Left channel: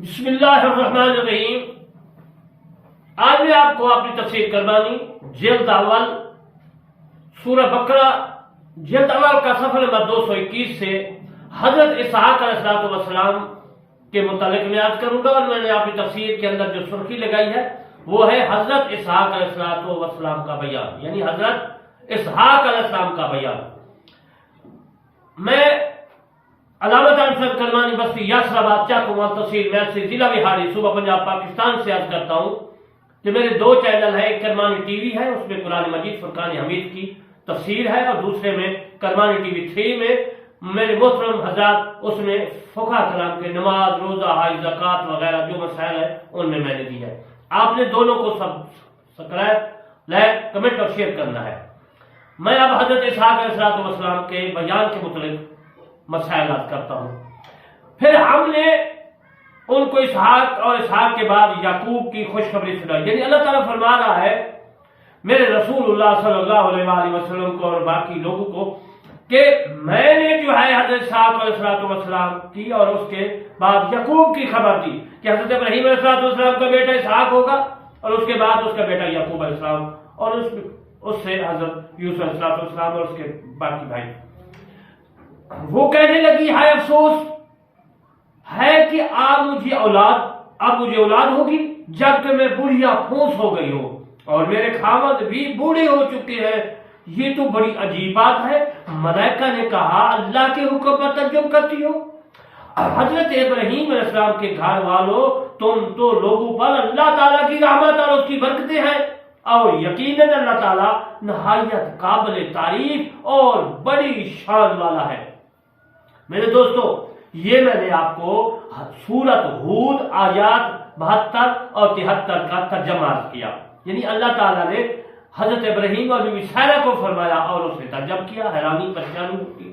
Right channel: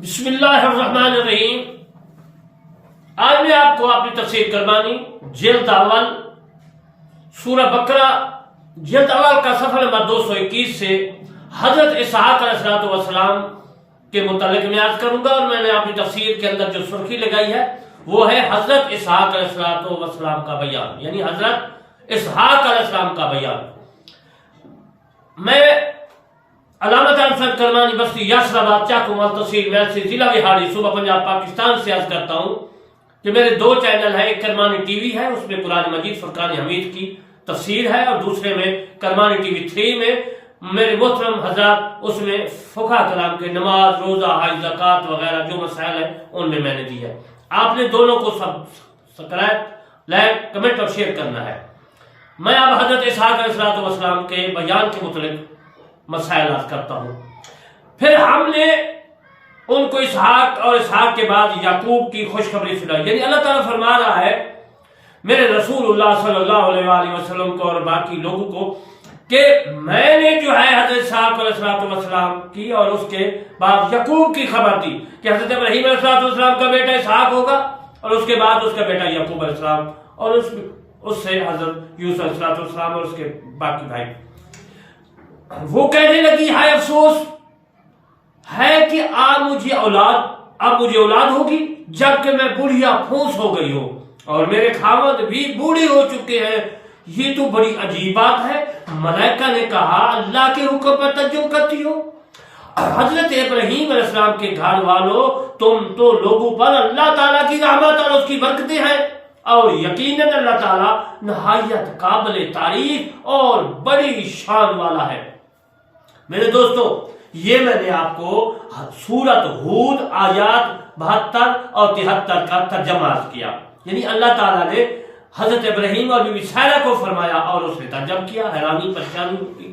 بسم اللہ الرحمن الرحیم۔ آج میں آپ کو اپنی تفسیر کرمانی جلد اول سورہ بقرہ جلد اول کا صفحہ نمبر 221 سے حضرت اسحاق علیہ السلام کے متعلق میں عرض کروں گا، اور میں نے اپنی تفسیر کے اندر جو سرخی لگائی ہے وہ ہے حضرت اسحاق علیہ السلام کا بیان، یعنی حضرت اسحاق علیہ السلام کا بیان۔ میں علامت عرفت کرمانی بستی یاسرآباد چاکومال تحصیل میرسی ضلع وہاڑی صوبہ پنجاب پاکستان سے عرض کرتا ہوں کہ میرے دو چینل ہیں، ایک کرمانی ٹی وی ہے، اس میں قرآن مجید فرقان حمید کی تفسیر ہے، اور دوسرے میں کرمانی ٹی وی 3 میں میرے محترم حضرات اس میں فقہ کلام کے نماز، روزہ، حج، زکوٰۃ وغیرہ جو مسائل ہیں ان میں نے دی ہے۔ آپ نے دونوں کو سبسکرائب، لائک، کمنٹ اور شیئر کرنا ہے۔ میں اب حضرت اسحاق علیہ السلام کے بیان کے متعلق مسائل عرض کرتا ہوں۔ پھر ہم نے ان کو اسحاق اور اسحاق کے بعد یعقوب کی خوشخبری سنائی، یعنی اللہ تعالیٰ فرما رہا ہے میرے رسول اللہ صلی اللہ علیہ وآلہ وسلم کو اور باقی لوگوں کو کہ میں نے جو ہے حضرت اسحاق علیہ السلام کی اور اس کے بعد یعقوب کی خبر دی کہ حضرت ابراہیم علیہ السلام کا بیٹا اسحاق ہوگا، اور اس کے بعد اس کا بیٹا یعقوب علیہ السلام، اور اس سے حضرت یوسف علیہ السلام اور اس کے باقی بھائی۔ وہ کہنے لگی ہائے افسوس ہے کہ اب مجھے اولاد ہوگی جبکہ میں بوڑھیا پھونس ہو گئی ہوں اور میرے خاوند بھی بوڑھے ہو چکے ہیں، یہ تو بڑی عجیب بات ہے۔ ملائکہ نے کہا اللہ کے حکم پر تعجب کرتی ہو؟ حضرت ابراہیم علیہ السلام کے گھر والوں، تم تو لوگوں پر اللہ تعالیٰ کی رحمت اور اس کی برکتیں ہیں، اور یقیناً اللہ تعالیٰ نہایت قابل تعریف اور بڑی شان والا ہے۔ میرے دوستو، یہ میں نے آپ کو سورۃ ہود آیات 72 اور 73 کا ترجمہ عرض کیا، یعنی اللہ تعالیٰ نے حضرت ابراہیم اور بی بی سارہ کو فرمایا اور اس نے تعجب کیا، حیرانی پریشانی ہوئی۔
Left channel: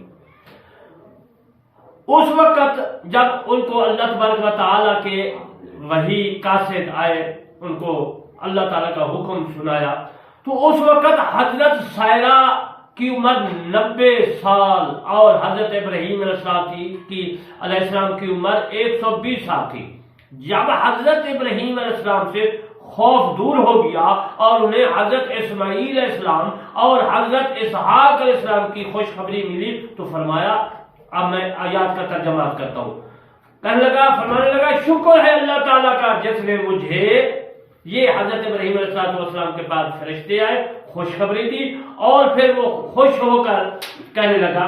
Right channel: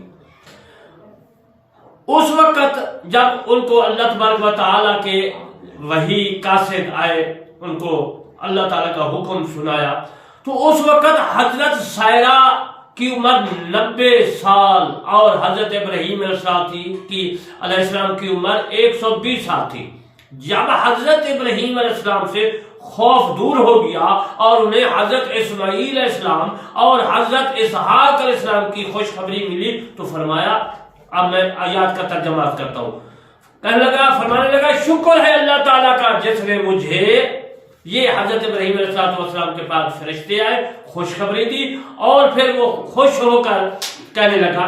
اس وقت جب ان کو اللہ تبارک و تعالیٰ کے وحی قاصد آئے، ان کو اللہ تعالیٰ کا حکم سنایا، تو اس وقت حضرت سارہ کی عمر 90 سال اور حضرت ابراہیم علیہ السلام کی عمر 120 سال تھی۔ جب حضرت ابراہیم علیہ السلام سے خوف دور ہو گیا اور انہیں حضرت اسماعیل علیہ السلام اور حضرت اسحاق علیہ السلام کی خوشخبری ملی تو فرمایا، اب میں آیات کا ترجمہ کرتا ہوں، فرمانے لگا شکر ہے اللہ تعالیٰ کا جس نے مجھے، یہ حضرت ابراہیم علیہ السلام کے پاس فرشتے آئے، خوشخبری دی، اور پھر وہ خوش ہو کر کہنے لگا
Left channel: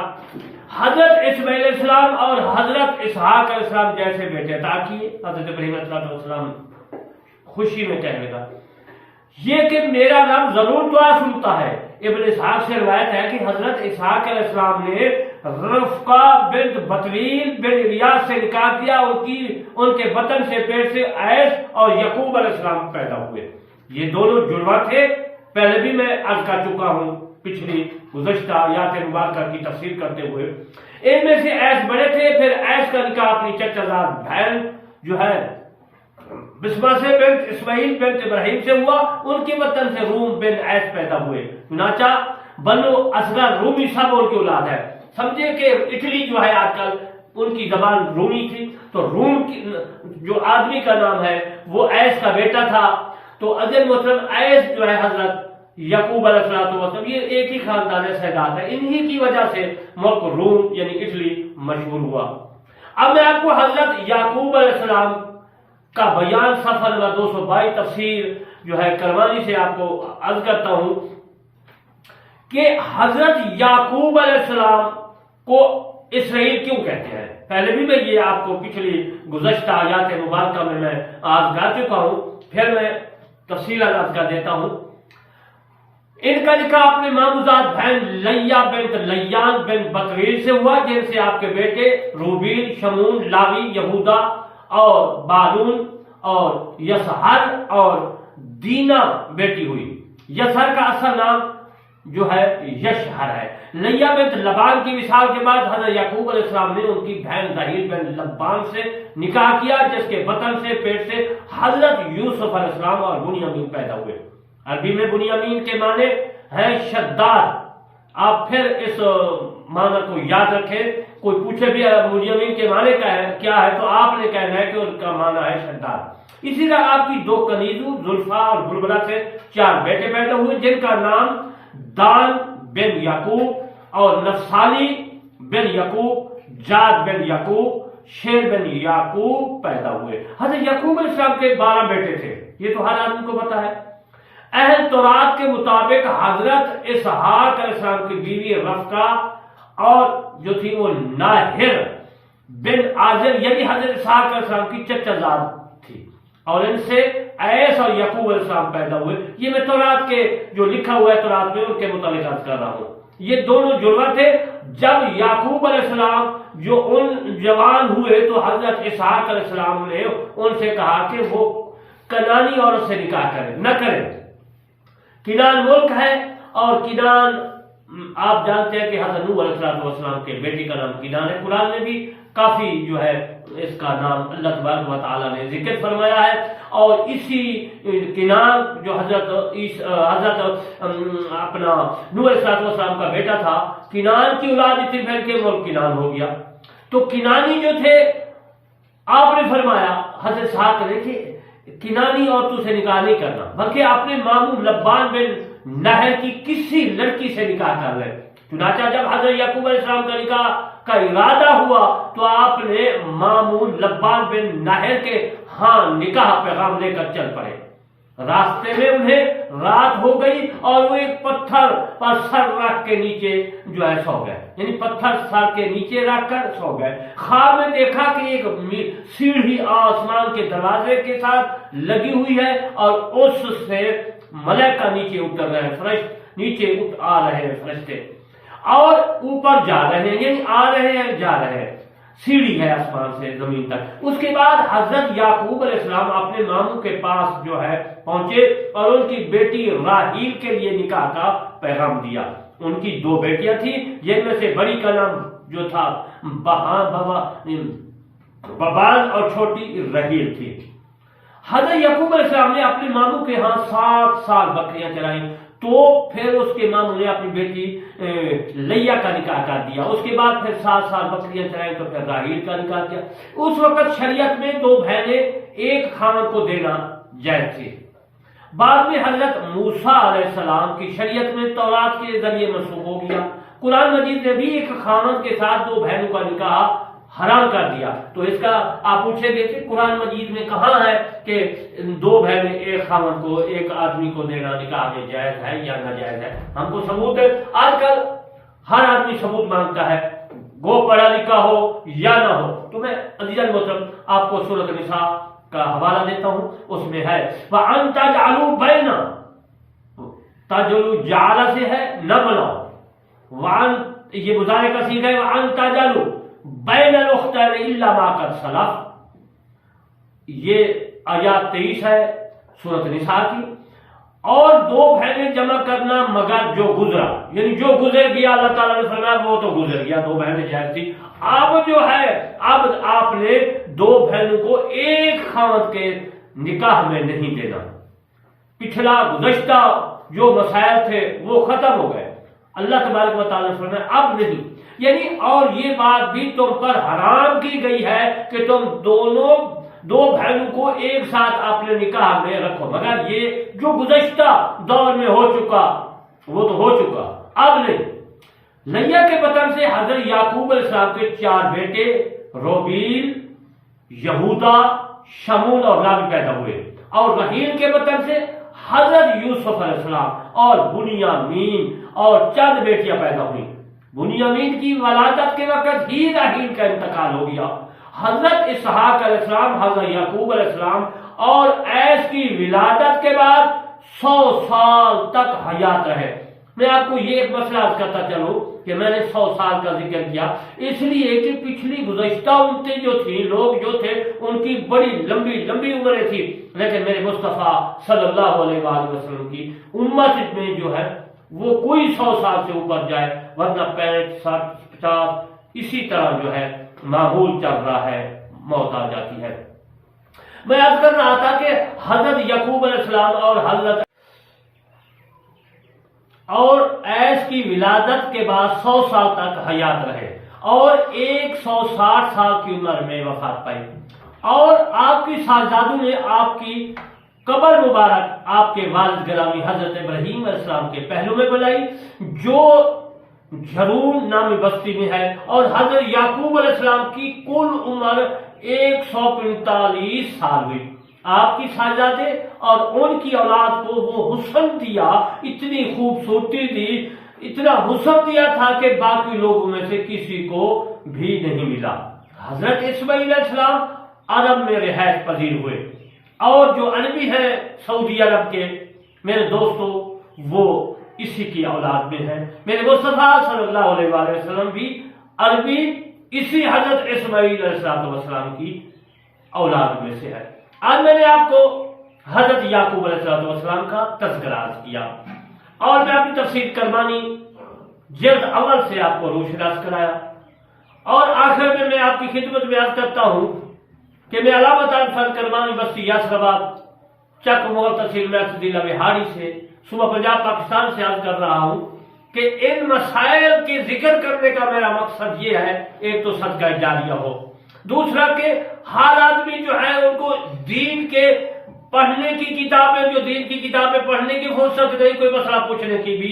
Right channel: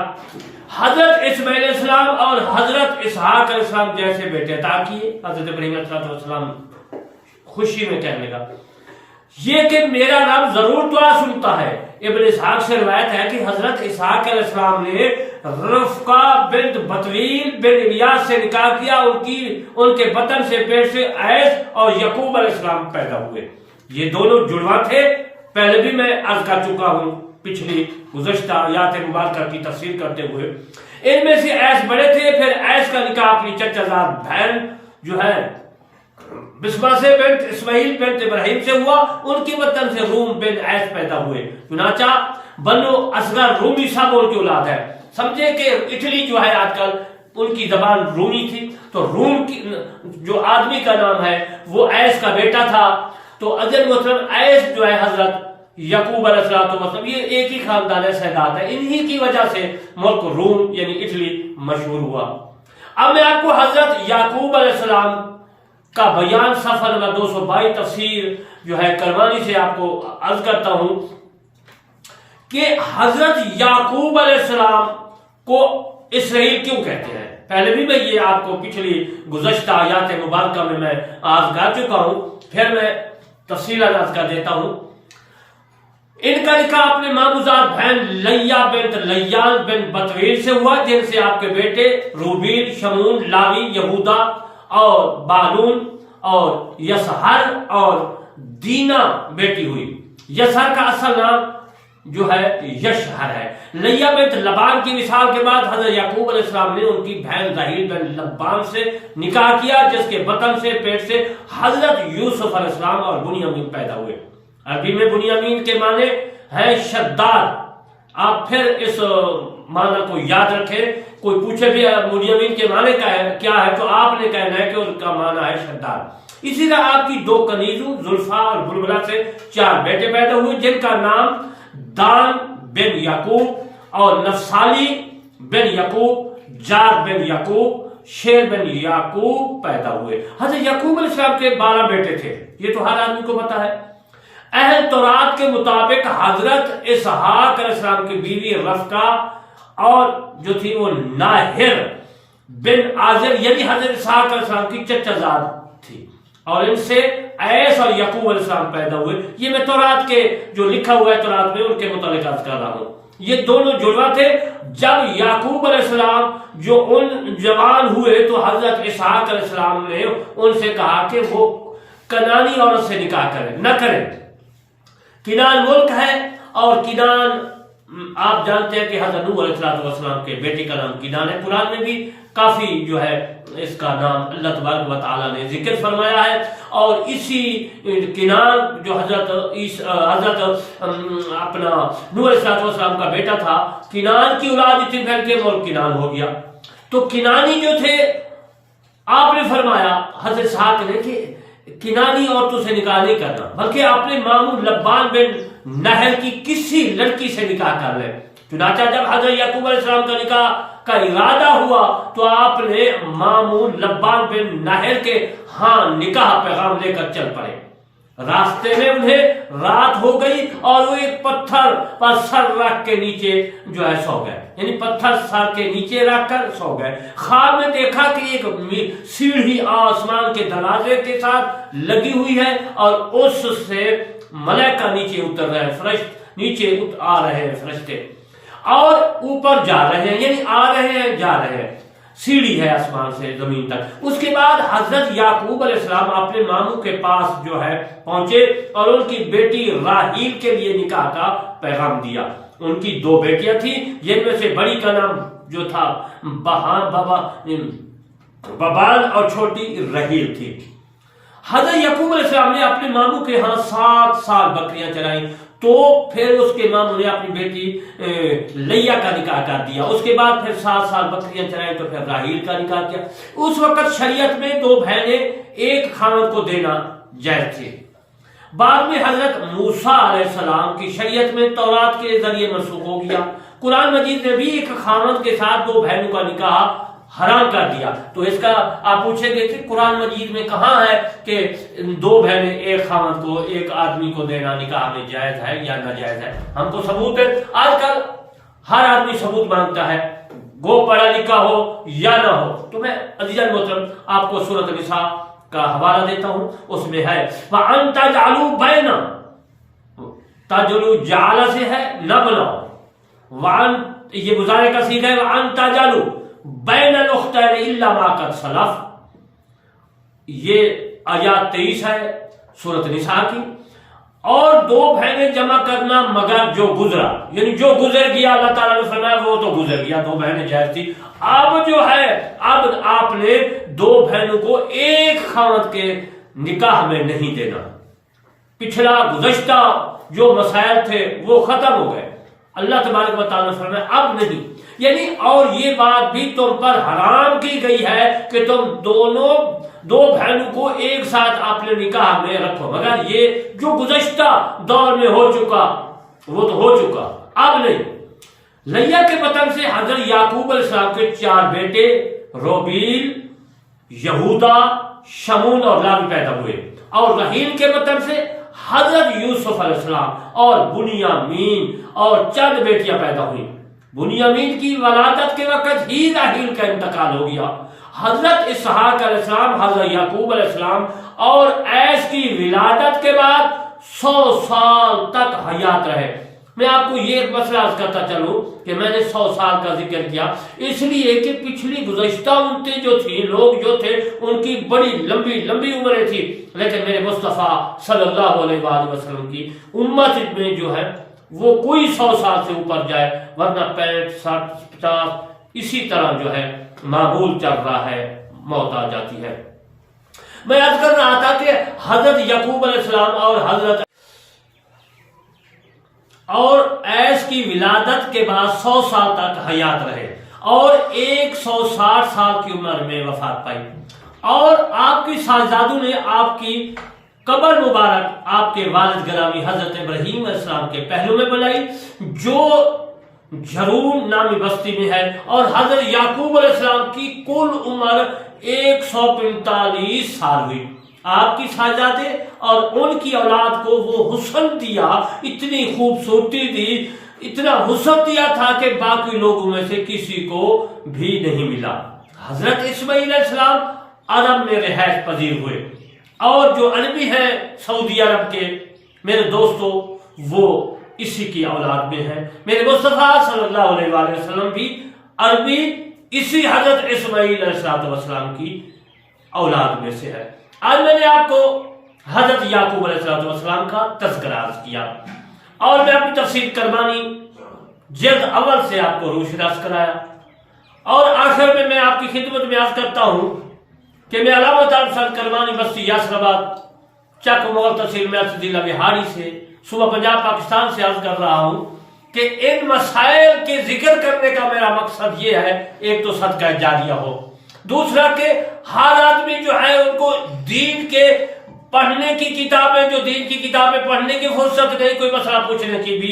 حضرت اسماعیل علیہ السلام اور حضرت اسحاق علیہ السلام جیسے بیٹے عطا کیے۔ حضرت ابراہیم علیہ السلام خوشی میں کہنے لگا یہ کہ میرا رب ضرور دعا سنتا ہے۔ ابن اسحاق سے روایت ہے کہ حضرت اسحاق علیہ السلام نے رفقہ بنت بطویل بن الیاس سے نکاح کیا، ان کے بطن سے پیٹ سے ایس اور یعقوب علیہ السلام پیدا ہوئے۔ یہ دونوں جڑواں تھے، پہلے بھی میں عرض کر چکا ہوں پچھلی گزشتہ آیات مبارکہ کی تفسیر کرتے ہوئے۔ ان میں سے ایس بڑے تھے، پھر ایس کا نکاح اپنی چچا زاد بہن جو ہے بسمہ سے بنت اسماعیل بنت ابراہیم سے ہوا، ان کی وطن سے روم بن ایس پیدا ہوئے۔ چنانچہ بنو اصغر رومی سب ان کی اولاد ہے۔ سمجھے کہ اٹلی جو ہے آج کل ان کی زبان رومی تھی، تو روم کی جو آدمی کا نام ہے وہ ایس کا بیٹا تھا، تو اجل محترم ایس جو ہے حضرت یعقوب علیہ السلام، یہ ایک ہی خاندان سیدات ہے، انہی کی وجہ سے ملک روم یعنی اٹلی مشہور ہوا۔ اب میں آپ کو حضرت یعقوب علیہ السلام کا بیان صفحہ نمبر 222 تفسیر جو ہے کرمانی سے آپ کو عرض کرتا ہوں کہ حضرت یعقوب علیہ السلام کو اسرائیل کیوں کہتے ہیں۔ پہلے بھی میں یہ آپ کو پچھلی گزشتہ آیات مبارکہ میں عرض کر چکا ہوں، پھر میں تفصیل عرض کر دیتا ہوں۔ ان کا نکاح اپنے ماموزاد بہن لیا بنت لیان بن بطویل سے ہوا، جن سے آپ کے بیٹے روبیل، شمون، لاوی، یہودا اور بالون اور یسہر اور دینا بیٹی ہوئی۔ یسہر کا اصل نام جو ہے یشہر ہے۔ لیا بنت لبان کی وصال کے بعد حضرت یعقوب علیہ السلام نے ان کی بہن رحیل بن لبان سے نکاح کیا، جس کے بطن سے پیٹ سے حضرت یوسف علیہ السلام اور بنیامین پیدا ہوئے۔ عربی میں بنیامین کے معنی ہیں شداد، آپ پھر اس معنی کو یاد رکھیں. کوئی پوچھے بھی بنیامین کے معنی کیا ہے تو آپ نے کہنا ہے کہ ان کا معنی ہے شداد. اسی طرح آپ کی 2 کنیزوں زلفا اور بلبلہ سے 4 بیٹے پیدا ہوئے جن کا نام دان بن یعقوب اور نفسالی بن یعقوب، جاد بن یعقوب، شیر بن یعقوب پیدا ہوئے. حضرت یعقوب علیہ السلام کے 12 بیٹے تھے، یہ تو ہر آدمی کو پتا ہے. اہل تورات کے مطابق حضرت اسحاق علیہ السلام کی بیوی رفقہ اور جو تھی وہ ناہر بن آزر یعنی حضرت اسحاق علیہ السلام کی چچا زاد تھی، اور ان سے ایس اور یعقوب علیہ السلام پیدا ہوئے. یہ میں تورات کے جو لکھا ہوا ہے تورات میں ان کے متعلق عرض کر رہا ہوں. یہ دونوں جڑواں تھے. جب یعقوب علیہ السلام جو ان جوان ہوئے تو حضرت اسحاق علیہ السلام نے ان سے کہا کہ وہ کنانی عورت سے نکاح کریں، نہ کریں. کنان ملک ہے، اور کنان آپ جانتے ہیں کہ حضرت نوح علیہ السلام کے بیٹے کا نام کنان ہے. قرآن میں بھی کافی جو ہے اس کا نام اللہ تبارک و تعالیٰ نے ذکر فرمایا ہے. اور اسی کنان جو حضرت اپنا نوح علیہ السلام کا بیٹا تھا، کنان کی اولاد اتنی پھیل کے ملک کنان ہو گیا. تو کنانی جو تھے آپ نے فرمایا حضرت اسحاق نے کہ کنانی عورتوں سے نکاح نہیں کرنا، بلکہ اپنے ماموں لبان بن نہر کی کسی لڑکی سے نکاح کر لیں. چنانچہ جب حضرت یعقوب علیہ السلام کا نکاح کا ارادہ ہوا تو آپ نے ماموں لبان بن نہر کے ہاں نکاح پیغام لے کر چل پڑے. راستے میں انہیں رات ہو گئی اور وہ ایک پتھر پر سر رکھ کے نیچے جو ہے سو گئے، یعنی پتھر سر کے نیچے رکھ کر سو گئے. خواب میں دیکھا کہ ایک سیڑھی آسمان کے دروازے کے ساتھ لگی ہوئی ہے اور اس سے ملائکہ نیچے اتر رہے ہیں، فرشتے نیچے آ رہے ہیں، فرشتے اور اوپر جا رہے ہیں، یعنی آ رہے ہیں جا رہے ہیں. سیڑھی ہے آسمان سے زمین تک. اس کے بعد حضرت یعقوب علیہ السلام اپنے ماموں کے پاس جو ہے پہنچے اور ان کی بیٹی راحیل کے لیے نکاح کا پیغام دیا. ان کی 2 بیٹیاں تھیں، جن میں سے بڑی کا نام جو تھا ببان اور چھوٹی رحیل تھی. حضرت یعقوب علیہ السلام نے اپنے ماموں کے ہاں 7 سال بکریاں چرائیں. تو پھر اس کے ماموں نے اپنی بیٹی لیا کا نکاح کر دیا. اس کے بعد پھر 7 سال بکریاں چرائیں تو پھر راحیل کا نکاح کیا. اس وقت شریعت میں 2 بہنیں ایک خاوند کو دینا جائز تھی. بعد میں حضرت موسیٰ علیہ السلام کی شریعت میں تورات کے ذریعے منسوخ ہو گیا. قرآن مجید نے بھی ایک خاوند کے ساتھ 2 بہنوں کا نکاح حرام کر دیا. تو اس کا آپ پوچھیں گے کہ قرآن مجید میں کہاں ہے کہ 2 بہنیں ایک خاوند کو ایک آدمی کو دینا نکاح میں جائز ہے یا ناجائز ہے؟ ہم کو ثبوت ہے. آج کل ہر آدمی ثبوت مانگتا ہے، گو پڑھا لکھا ہو یا نہ ہو. تو میں عزیزان محترم آپ کو سورۃ النساء کا حوالہ دیتا ہوں. اس میں ہے وَأَن تَجْعَلُوا بَيْنَ تَجْعَلُوا جَعَلَ سے ہے نہ بناؤ، وَأَن یہ مضارع کا صیغہ ہے وَأَن تَجْعَلُوا بین الاختین الا ما قد سلف. یہ آیات 23 ہے سورۃ النساء کی. اور 2 بہنیں جمع کرنا مگر جو گزرا، یعنی جو گزر گیا اللہ تعالیٰ نے فرمایا وہ تو گزر گیا. 2 بہنیں جائز تھی. اب جو ہے اب آپ نے 2 بہنوں کو ایک خاوند کے نکاح میں نہیں دینا. پچھلا گزشتہ جو مسائل تھے وہ ختم ہو گئے. اللہ تبارک و تعالیٰ نے فرمایا اب نہیں، یعنی اور یہ بات بھی تم پر حرام کی گئی ہے کہ تم 2 بہنوں کو ایک ساتھ اپنے نکاح میں رکھو، مگر یہ جو گزشتہ دور میں ہو چکا وہ تو ہو چکا، اب نہیں. لیا کے بطن سے حضرت یعقوب علیہ السلام کے 4 بیٹے روبیل، یہودا، شمون اور لاوی پیدا ہوئے. اور رحیل کے بطن سے حضرت یوسف علیہ السلام اور بنیامین اور چند بیٹیاں پیدا ہوئیں. بنیامین کی ولادت کے وقت ہی راحیل کا انتقال ہو گیا. حضرت اسحاق علیہ السلام، حضرت یعقوب علیہ السلام اور ایس کی ولادت کے بعد 100 سال تک حیات رہے. میں آپ کو یہ ایک مسئلہ عرض کرتا چلوں کہ میں نے 100 سال کا ذکر کیا اس لیے کہ پچھلی گزشتہ امتیں جو تھیں، لوگ جو تھے ان کی بڑی لمبی عمریں تھی، لیکن میرے مصطفیٰ صلی اللہ علیہ وآلہ وسلم کی امت میں جو ہے وہ کوئی 100 سال سے اوپر جائے، ورنہ 65 60 50 اسی طرح جو ہے معمول چل رہا ہے، موت آ جاتی ہے. میں عرض کر رہا تھا کہ حضرت یعقوب علیہ السلام اور حضرت اور ایس کی ولادت کے بعد 100 سال تک حیات رہے اور 160 سال کی عمر میں وفات پائی، اور آپ کی شاہزادوں نے آپ کی قبر مبارک آپ کے والد گرامی حضرت ابراہیم علیہ السلام کے پہلو میں بنائی، جو جھرون نامی بستی میں ہے، اور حضرت یعقوب علیہ السلام کی کل عمر 145 سال ہوئی۔ آپ کی شاہزادے اور ان کی اولاد کو وہ حسن دیا، اتنی خوبصورتی دی، اتنا حسن دیا تھا کہ باقی لوگوں میں سے کسی کو بھی نہیں ملا۔ حضرت اسماعیل علیہ السلام عرب میں رہائش پذیر ہوئے، اور جو عربی ہیں سعودی عرب کے میرے دوستوں، وہ اسی کی اولاد میں ہیں۔ میرے مصطفیٰ صلی اللہ علیہ وآلہ وسلم بھی عربی اسی حضرت اسماعیل علیہ السلام کی اولاد میں سے ہے۔ آج میں نے آپ کو حضرت یعقوب علیہ السلام کا تذکرہ عرض کیا، اور میں اپنی تفسیر کرمانی جلد اول سے آپ کو روشناس کرایا، اور آخر میں آپ کی خدمت میں عرض کرتا ہوں کہ میں علامہ حسین کرمانی بستی یاسر آباد چک مغل تحصیل میں ضلع بہاڑی سے صوبہ پنجاب پاکستان سے عرض کر رہا ہوں کہ ان مسائل کے ذکر کرنے کا میرا مقصد یہ ہے، ایک تو صدقہ جاریہ ہو، دوسرا کہ ہر آدمی جو ہے ان کو دین کے پڑھنے کی کتابیں، جو دین کی کتابیں پڑھنے کی فرصت نہیں، کوئی مسئلہ پوچھنے کی بھی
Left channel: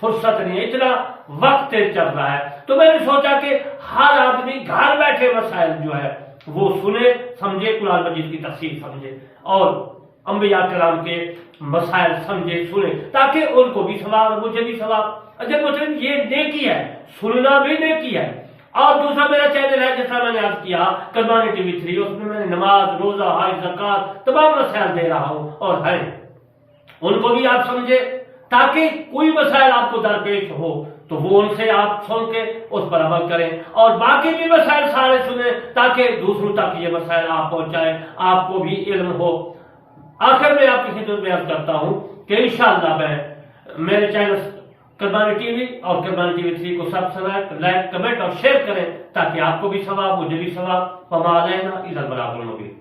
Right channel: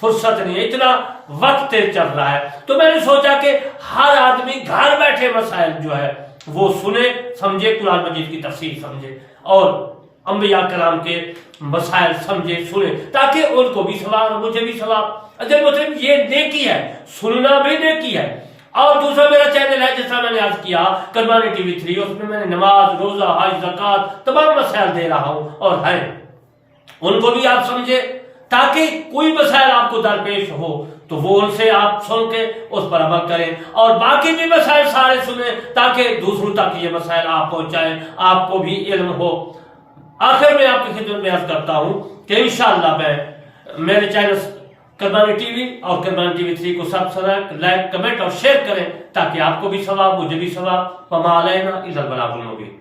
فرصت نہیں ہے، اتنا وقت چل رہا ہے، تو میں نے سوچا کہ ہر آدمی گھر بیٹھے مسائل جو ہے وہ سنے، سمجھے، قرآن مجید کی تفسیر سمجھے، اور انبیاء کرام کے مسائل سمجھے، سنے، تاکہ ان کو بھی ثواب اور مجھے بھی ثواب۔ اجل مطلب یہ نیکی ہے، سننا بھی نیکی ہے۔ اور دوسرا میرا چینل ہے، جیسا میں نے عرض کیا، کرمانی ٹی وی 3، اس میں نے نماز، روزہ، حج، زکوٰۃ تمام مسائل دے رہا ہوں، اور ہیں ان کو بھی آپ سمجھے، تاکہ کوئی مسائل آپ کو درپیش ہو تو وہ ان سے آپ سن کے اس پر عمل کریں، اور باقی بھی مسائل سارے سنیں، تاکہ دوسروں تک یہ مسائل آپ پہنچائیں، آپ کو بھی علم ہو۔ آخر میں آپ کی خدمت میں عرض کرتا ہوں کہ انشاءاللہ میں میرے چینل کرمانی ٹی وی اور کرمانی ٹی وی 3 کو سبسکرائب، لائک، کمنٹ اور شیئر کریں، تاکہ آپ کو بھی ثواب، مجھے بھی ثواب۔ وما علینا الا البلاغ المبین۔